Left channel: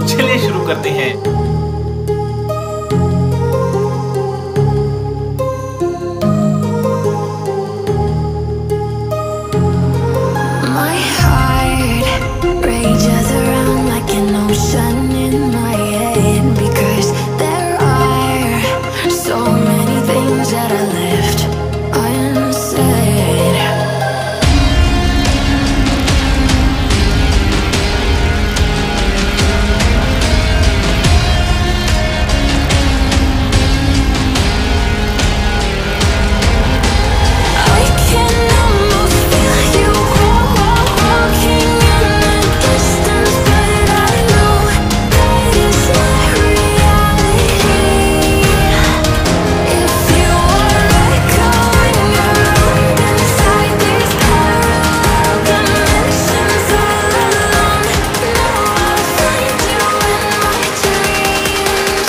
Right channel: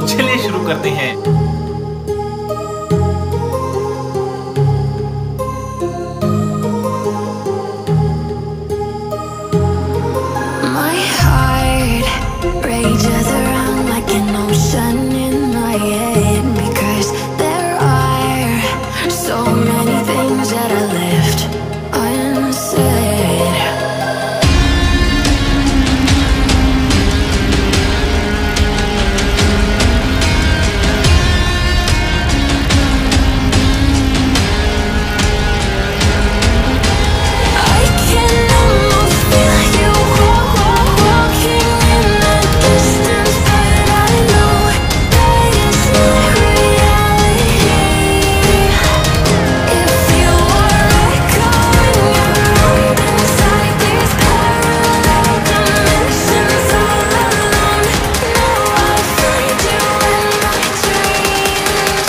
तो चलिए शुरू करते हैं। My heart rages around like an ocean in my head, because there are so many things that I left unsaid. I can almost feel you walking in the distance, but I know that it's not reality. If you are echoing around inside these parallel dimensions all alone, know I'll find you in my dreams.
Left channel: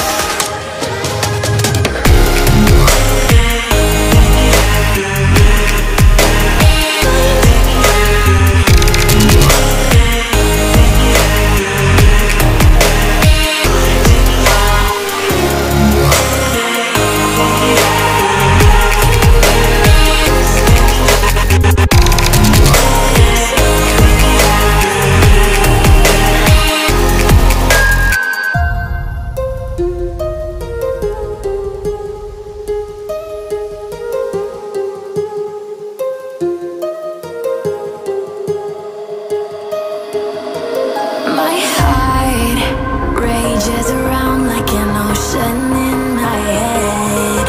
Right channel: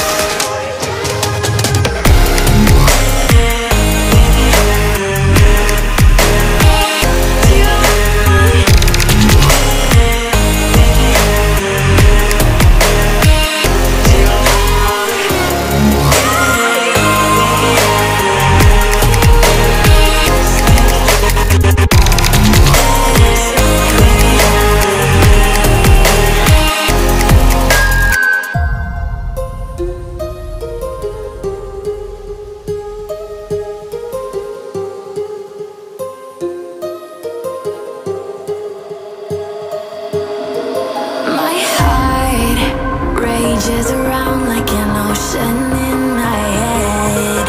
My heart rages around like an ocean in my head.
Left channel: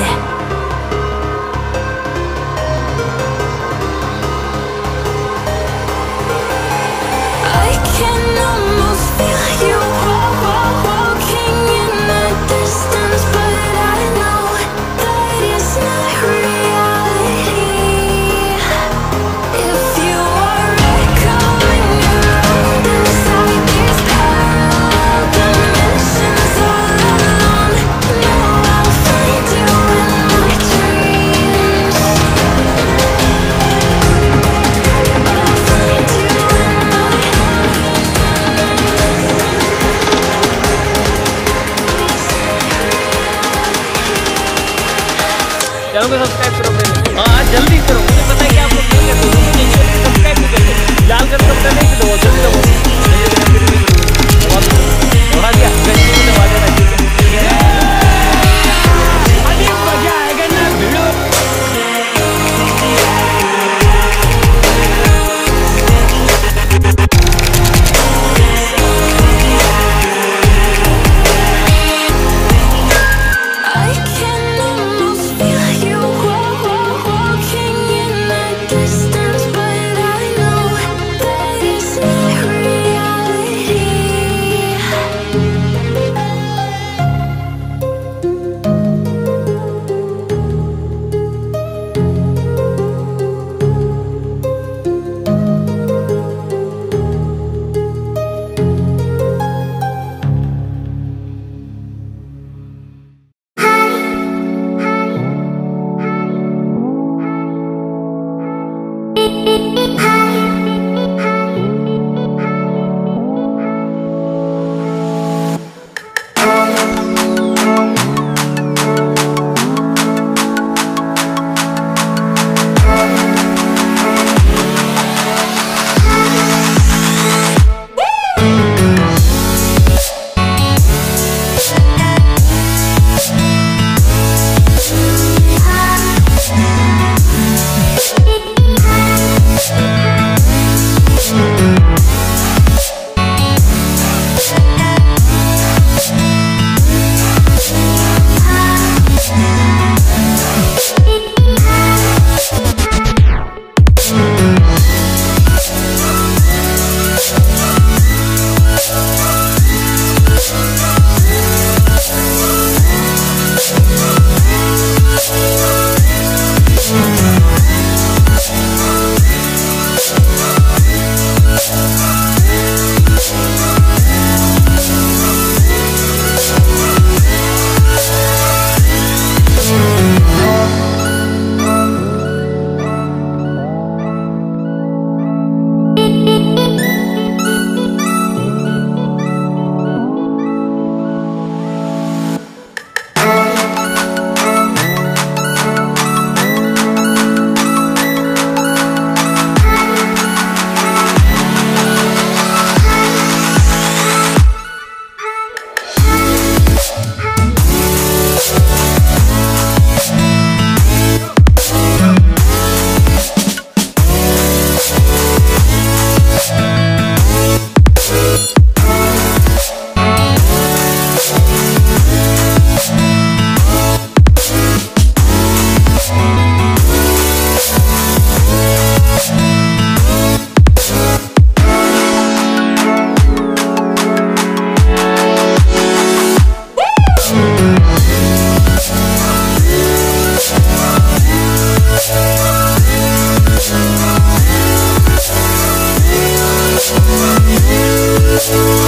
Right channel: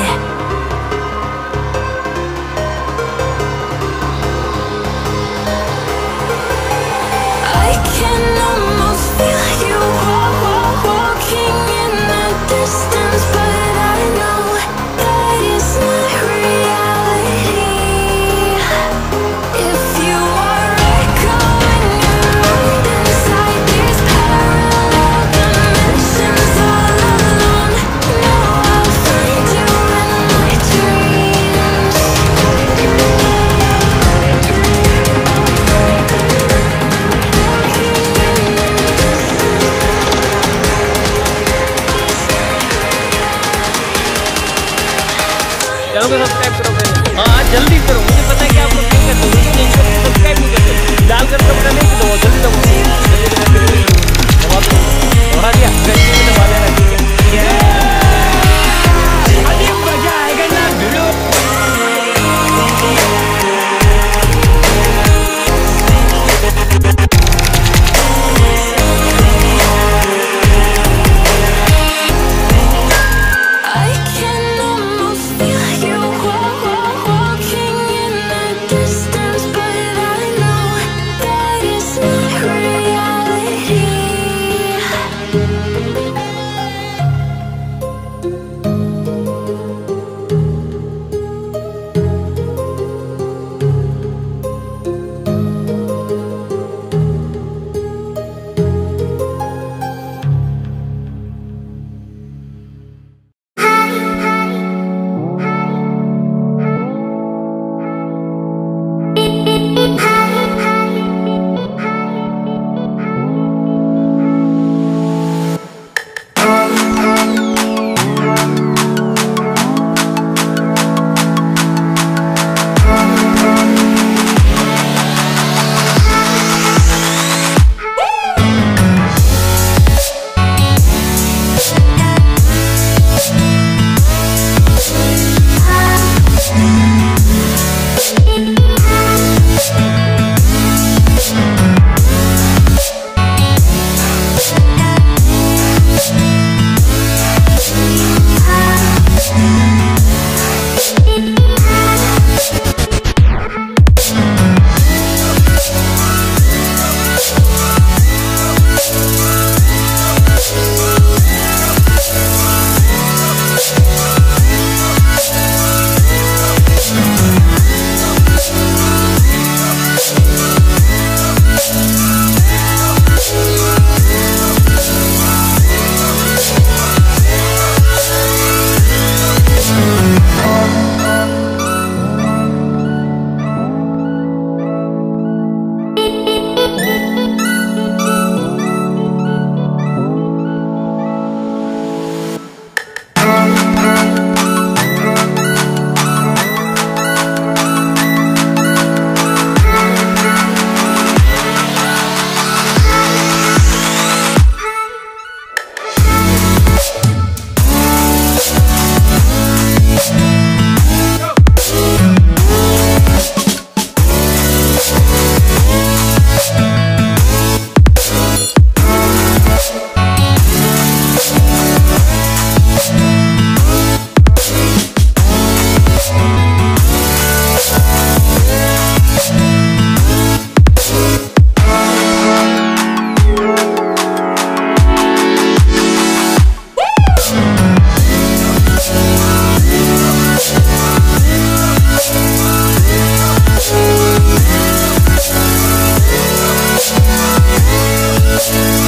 I can almost feel you walking in the distance, but I know that it's not reality. If you are echoing around inside these parallel dimensions all alone, know I'll find you in my dreams. Channel को subscribe करो पहले। हाँ जल्दी करो, मुझे पता है कि आप लोग नहीं करते, लेकिन इसलिए सब्सक्राइब नहीं करते। लाल कलर का बटन नहीं दबाओ, जल्दी दबाओ, दबा दो, दबा दिया, घंटे में दबा देना, ठीक है। अभी मजा आएगा ना भिड़ो। I can almost feel you walking in the distance, but I know that it's not reality. We'll